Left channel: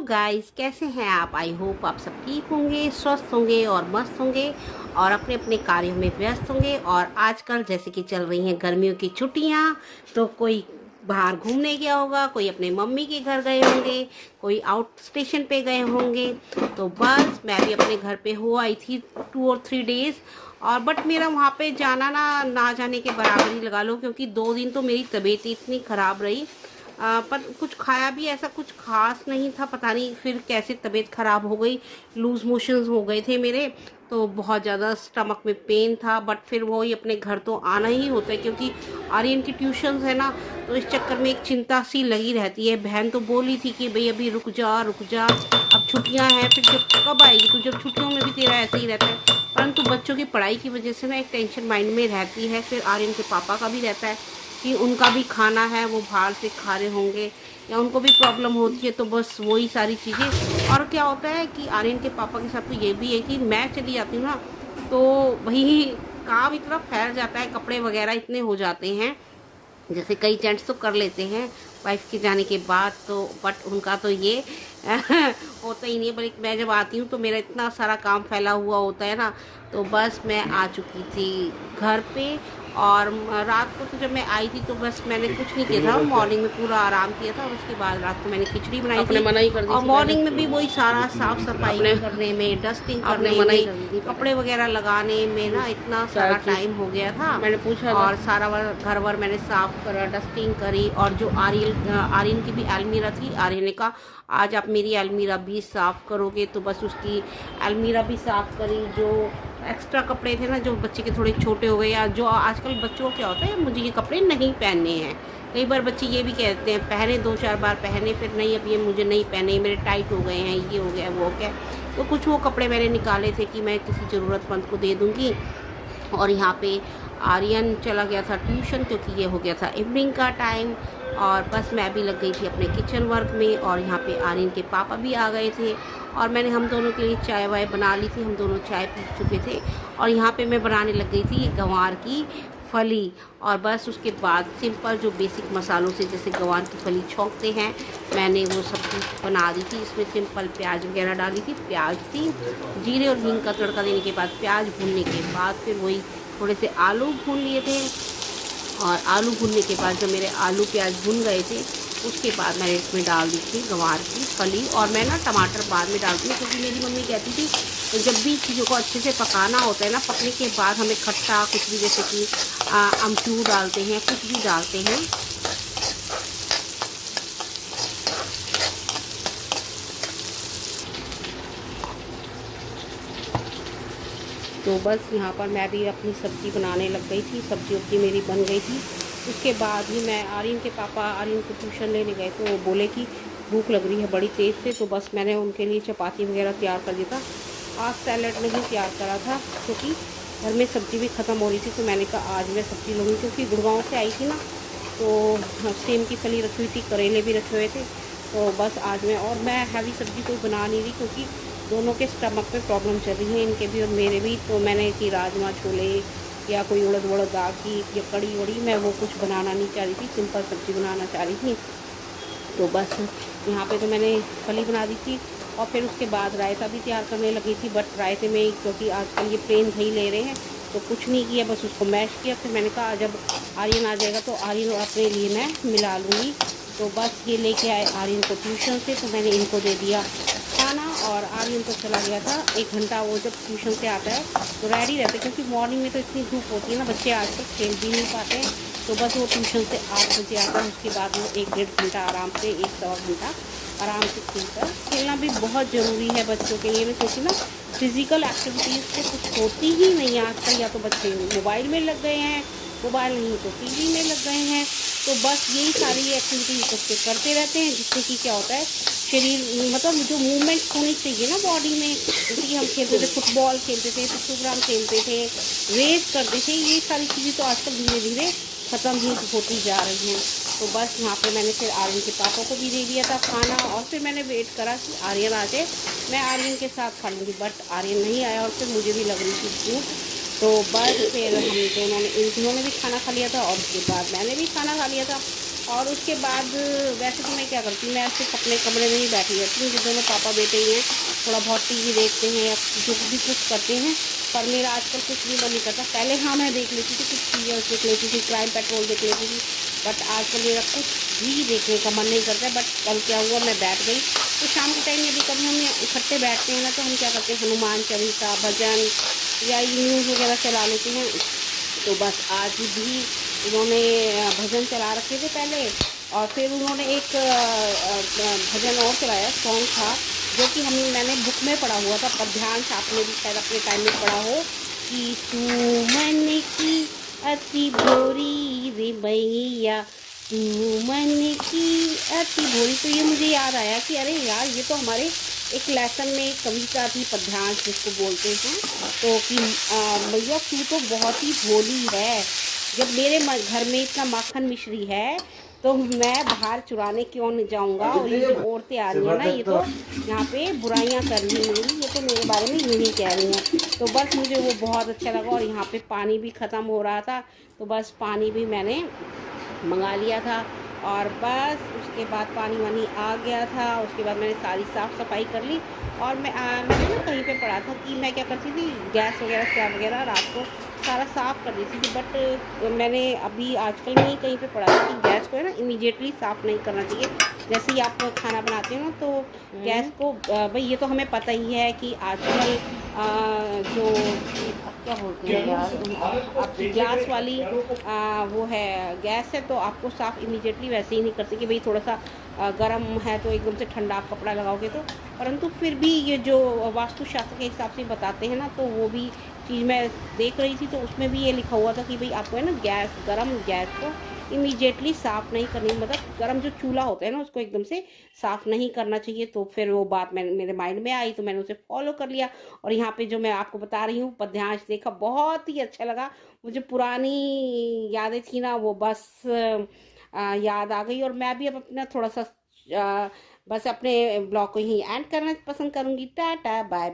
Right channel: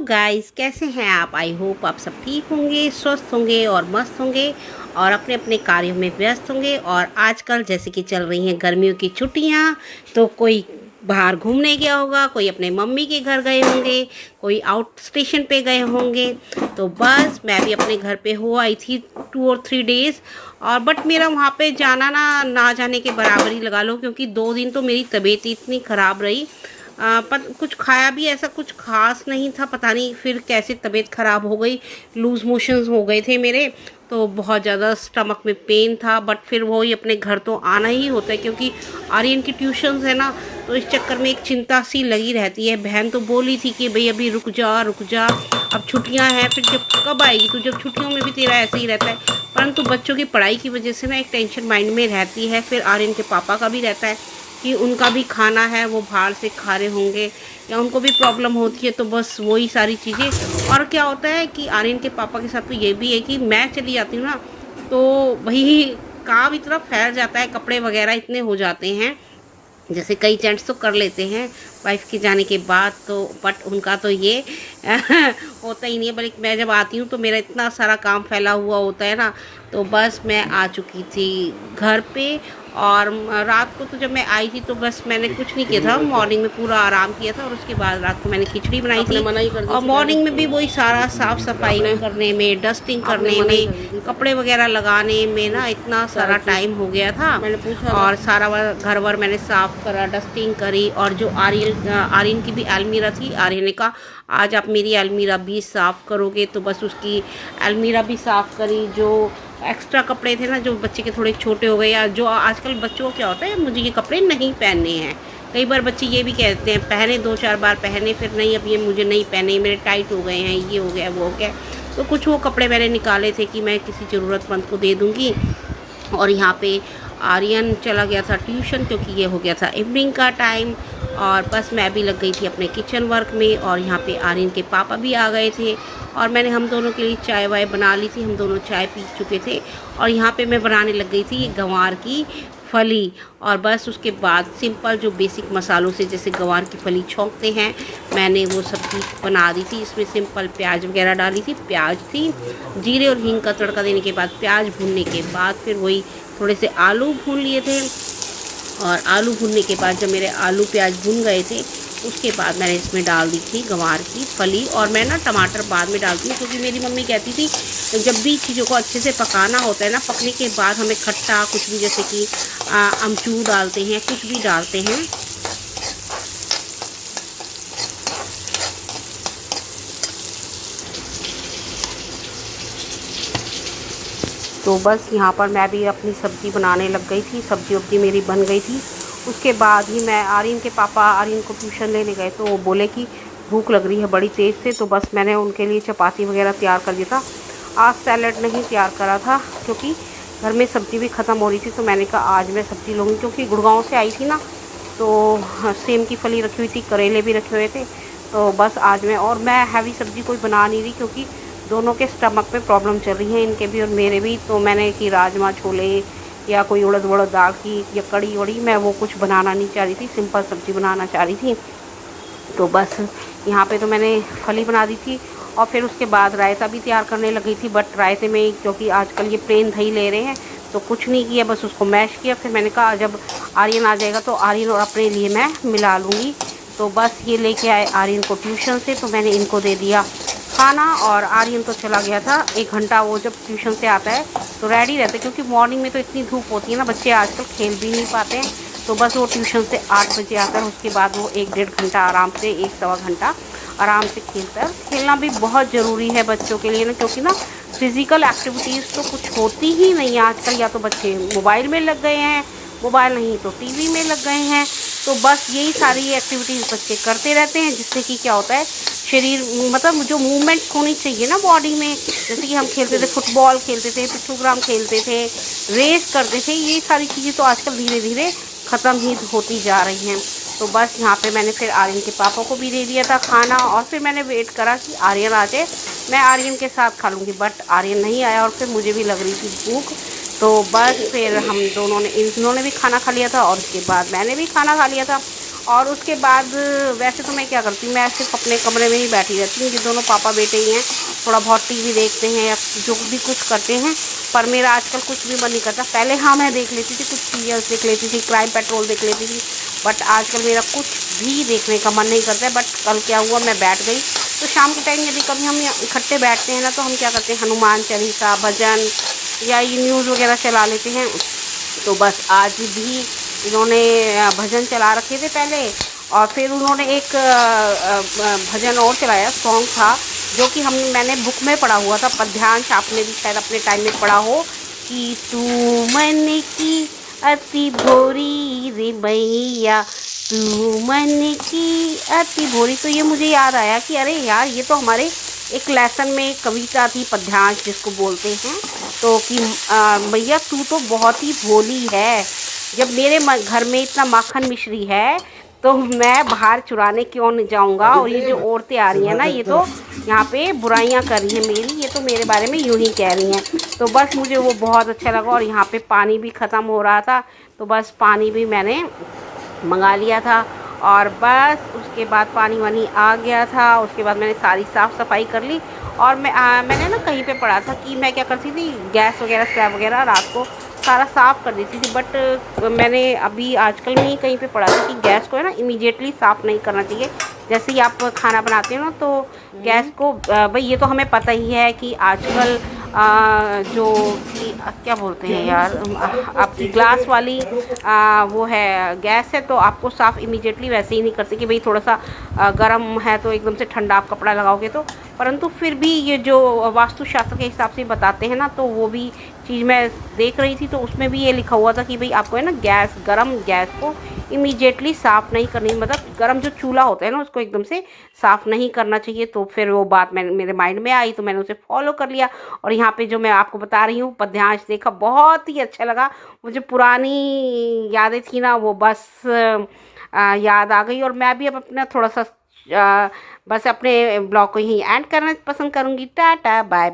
Guys, कैसे हैं आप? आई होप आप सब ठीक होंगे, स्वस्थ होंगे और मस्त होंगे और अपने अपने कार्यों में व्यस्त होंगे। और आजकल जैसे कि चल रही हैं गर्मियों की छुट्टियां, तो कोई बाहर घूमने गया होगा, कोई अपने मम्मी के घर गए होंगे, कोई आउट स्टेशन पे गए होंगे। तो बस मैं भी अपने घर पे हो आई थी 2 और 3 डेज़। और बट मेरा वहाँ पे जाना ना जाने के बराबर ही लगा लो, क्योंकि 2 दिन तो मेरी तबीयत इतनी ख़राब रही। पर कुछ खाया भी ऐसा कुछ खास नहीं था, पता नहीं फिर कैसे तबीयत ख़राब हो गई। लूज़ मोशंस हो गए थे मेरे, तो बहुत ज़्यादा स्टमक में पेन था। बट फिर वही अपने घर तो आना ही होता है, क्योंकि आर्यन की ट्यूशन्स है ना, तो इस चक्कर में एक चिंता सी लगी रहती है। बहन तो बोली थी कि भाई अभी रुक जा रुक जा, अब छुट्टियां हैं, फिर जब कब आएगी, तो जब छुट्टियों में भी तेरा ऐसे ही रहता है। परंतु बच्चों की पढ़ाई की वजह से ना एक टेंशन माइंड में रहती है। फिर आर्यन के पापा का भी रहता है कि उनका भी खाना है, वो बाहर से खा रहे होंगे या उनको भी प्रॉब्लम होती है। तो बस वही सारी चीज़ें। और क्या होता है कि आर्यन के पापा के साथ तो ये भी है कि मैं चली जाती हूँ ना, तो वही काम इतना फैल जाता है, कपड़े वगैरह इतने हो जाते हैं। जैसे कई जेंट्स तो कर लेते हैं वाइफ के जाने के बाद, तो बट उनका तो ये होता ही नहीं है। बल्कि मैं जब आती हूँ तो मेरा इतना सारा काम फैला हुआ होता है ना। तो बस मैं आ चुकी थी घर पे। और रात को तो जब मैं आई थी तो बस मैंने कुछ नहीं किया था, मॉर्निंग में पूरा आराम किया था। और उसके बाद रात को मैंने खिचड़ी बनाई थी। मना ही कर दी और थी मॉर्निंग में भी वही सारा साफ सफाई करने में, डस्टिंग करने में, कपड़े वगैरह लगाने में ना इतना सारा टाइम हो गया था। मैंने पूछा और सारा घर वर मैंने साफ करा, डस्टिंग करी। और जो आर्यन की भी अलमीरा थी, आर्यन ने कहा आज आप मेरी अलमीरा भी साफ़ करोगे, तो बस उसकी अलमीरा भी साफ़ करी। जो एक्स्ट्रा कपड़े थे ना, जो बच्चे के थोड़े छोटे हो गए, या जो आजकल बच्चों को क्या होता है, मुझे ये कपड़े नहीं पहनने हैं। कई बार बच्चे ये भी कहते हैं, पहने 2-4 बार पहने, फिर नहीं अब ये मुझे नहीं पहने, मेरे टाइट हो गए हैं, ये हो गया वो हो गया। तो कुछ वो कपड़े मैंने निकाले थे कि मैं किसी ज़रूरतमंद को दे दूँगी। और यहाँ पे आर्यन चला गया था ट्यूशन, क्योंकि ये हो गया था इवनिंग का टाइम। और बस मैं भी लग गई थी अपने किचन वर्क में। और यहाँ पे आर्यन के पापा भी आ गए थे और मैंने हम दोनों के लिए चाय वाय बना ली थी। हम दोनों चाय पी चुके थे। और यहाँ पे मैं बनाने लग गई थी गंवार की फली। और बस उसके बाद सिंपल जो बेसिक मसालों से जैसे गंवार की फली छौंकते हैं, मैंने वो सब्ज़ी बना दी थी। इसमें सिंपल प्याज वगैरह डाली थी, प्याज थी, जीरे और हींग का तड़का देने के बाद, प्याज भूनने के बाद फिर वही थोड़े से आलू भून लिए थे। और आलू भूनने के बाद जब मेरे आलू प्याज भून गए थे, उसके बाद मैंने इसमें डाल दी थी गंवार की फली। और मैं ना टमाटर बाद में डालती हूँ, क्योंकि मेरी मम्मी कहती थी तो जब भी चीज़ों को अच्छे से पकाना होता है ना, पकने के बाद हमें खट्टा कुछ भी, जैसे कि अमचूर डालते हैं, कुछ भी डालते हैं। तो बस यहाँ पर मैं भी अपनी सब्ज़ी बनाने लग गई थी। सब्ज़ी वब्ज़ी मेरी बन गई थी। उसके बाद ही मैं आर्यन के पापा आर्यन को ट्यूशन लेने गए, तो वो बोले कि भूख लग रही है बड़ी तेज़ से। तो बस मैंने उनके लिए चपाती वगैरह तैयार कर दिया था। आज सैलड नहीं तैयार करा था, क्योंकि घर में सब्ज़ी भी ख़त्म हो रही थी। तो मैंने कहा आज मैं सब्ज़ी लूँगी, क्योंकि गुड़गांव से आई थी ना, तो सेम की फली रखी हुई थी, करेले भी रखे हुए थे। तो बस आज मैं हैवी सब्ज़ी कोई बना नहीं रही, क्योंकि दोनों के स्टमक में प्रॉब्लम चल रही है, इनके भी और मेरे भी। तो मैंने कि राजमा छोले या कोई उड़द वड़द दाल की या कड़ी वड़ी, मैं वो कुछ बनाना नहीं चाह रही थी, सिंपल सब्ज़ी बनाना चाह रही थी। तो बस यहाँ पे तो मैंने फली बना दी थी। और फिर उसके बाद रायता भी तैयार करने लग गई थी। बट रायते में, क्योंकि आजकल ये प्लेन दही ले रहे हैं, तो कुछ नहीं किया, बस उसको मैश किया। फिर मैंने कहा जब आर्यन आ जाएगा तो आर्यन और अपने लिए मैं मिला लूँगी। तो बस ये लेके आए आर्यन को ट्यूशन से, तो मैंने इनको दे दिया खाना। और आर्यन तो चला गया था 1 घंटा, वो जब ट्यूशन से आता है तो रेडी रहते, क्योंकि मॉर्निंग में तो इतनी धूप होती है ना, बच्चे आजकल खेल भी नहीं पाते हैं। तो बस वो ट्यूशन से 8 बजे आता है। उसके बाद वो 1-1.5 घंटा आराम से, 1-1.25 घंटा आराम से खेलता है। खेलना भी बहुत ज़रूरी है बच्चों के लिए ना, क्योंकि ना फिज़िकल एक्टिविटीज़ तो कुछ होती ही नहीं है आजकल। या तो बच्चे मोबाइल में लग गए हैं, मोबाइल नहीं तो टीवी में लग गए हैं। तो बस यही सारी एक्टिविटीज़ बच्चे करते रहते हैं, जिससे कि क्या होता है, शरीर मतलब जो मूवमेंट होनी चाहिए ना बॉडी में। जैसे कि हम खेलते थे, फुटबॉल खेलते थे, पिट्ठूग्राम खेलते थे, रेस करते थे, ये सारी चीज़ें तो आजकल धीरे धीरे ख़त्म ही होती जा रही हैं। तो बस यहाँ पे मैंने फिर आर्यन के पापा को भी दे दिया था खाना। और फिर मैंने वेट करा कि आर्यन आ जाए, मैं आर्यन के साथ खा लूँगी। बट आर्यन नहीं आया और फिर मुझे भी लग रही थी भूख। तो बस फिर हम दोनों ने, इन्होंने भी खाना खा लिया था और उसके बाद मैंने भी खाना खा लिया था। और उसके बाद वैसे तो मैं क्या करती हूँ, मैं सिर्फ अपने कमरे में ही बैठी रहती हूँ। ये दोनों पापा बेटे ही हैं, थोड़ा बहुत टीवी देखते हैं या जो भी कुछ करते हैं। पर मेरा आजकल कुछ भी मन नहीं करता। पहले हाँ मैं देख लेती थी, कुछ सीरियल्स देख लेती थी, क्राइम पेट्रोल देख लेती थी, बट आजकल मेरा कुछ भी देखने का मन नहीं करता है। बट कल क्या हुआ, मैं बैठ गई तो शाम के टाइम यदि कभी हम इकट्ठे बैठते हैं ना, तो हम क्या करते हैं, हनुमान चालीसा, भजन या ये न्यूज़ वगैरह चला लेते हैं। तो बस आज भी इन्होंने भजन चला रखे थे पहले, और फिर उन्होंने एक भजन और चलाया, सॉन्ग था जो कि मैंने बुक में पढ़ा हुआ था, पद्यांश आपने भी शायद अपने टाइम में पढ़ा हो, कि तू मन की अति भोरी रे मैया, तू मन की अति भोरी। तो ये मुझे याद आया कि अरे यार, ये तो हमारे एक लेसन में कविता थी, पद्यांश जिसको बोलते हैं। तो कि मैया तू तो बहुत ही भोली है, जब मेरे घर में इतना माखन मिश्री है तो मैं बाहर चुराने क्यों नहीं जाऊंगा। और ये जो औरतें आ रही हैं ना, ये तो यहाँ पे बुराइयां कर रही हैं मेरी, ये तो मेरे बारे में यूं ही कह रही हैं। तो बस मुझे वो बहुत अच्छा लगा। और यहाँ पे पानी भी ख़त्म हो रहा था, तो बस पानी भी मैंने मंगा लिया था। और बस उसके बाद पानी वानी आ गया था, उसके बाद मैंने सारी साफ़ सफाई कर ली। और मैंने ना कहीं पे पढ़ा था कि मैं क्या करती थी, गैस वगैरह स्लैब वगैरह रात को सारा साफ़ कर देती थी। बट मैंने अभी आजकल में ही कहीं पे पढ़ा था कि गैस को है ना इमीडिएटली साफ़ नहीं करना चाहिए। जैसे ही आप खाना बनाते हो ना, तो गैस को भाई ये तो हमें पता ही है कि आजकल जो क्या बोलते हैं यार, आपकी ग्लास वाली वो है गैस है, तो आपको साफ़ इमीडिएटली वैसे ही नहीं करते कि भाई थोड़ा सा गर्म है तो एकदम से ठंडा आप कपड़ा लगाओगे तो। परंतु फिर भी ये जो वास्तुशास्त्र के हिसाब से बताते हैं ना, तो वो भी चीज़ मैं देख रही थी, तो उसमें भी ये लिखा हुआ था कि भाई आपको है ना गर्म गैस को इमीडिएटली साफ़ नहीं करनी, मतलब गर्म जो चूल्हा होता है ना उसको एकदम से साफ़ नहीं करना चाहिए। तो फिर वो बात मेरे माइंड में आई, तो मैंने उसे फॉलो कर लिया। और यहाँ पे जो मैं आपको बता रही हूँ पद्यांश देखा, बहुत ही अच्छा लगा मुझे। पुरानी यादें थी ना, वो बस याद आ गई। और मैं भी अब अपना थोड़ा सा बस अपने ब्लॉग को यहीं एंड करना पसंद करूँगी। Tata bye.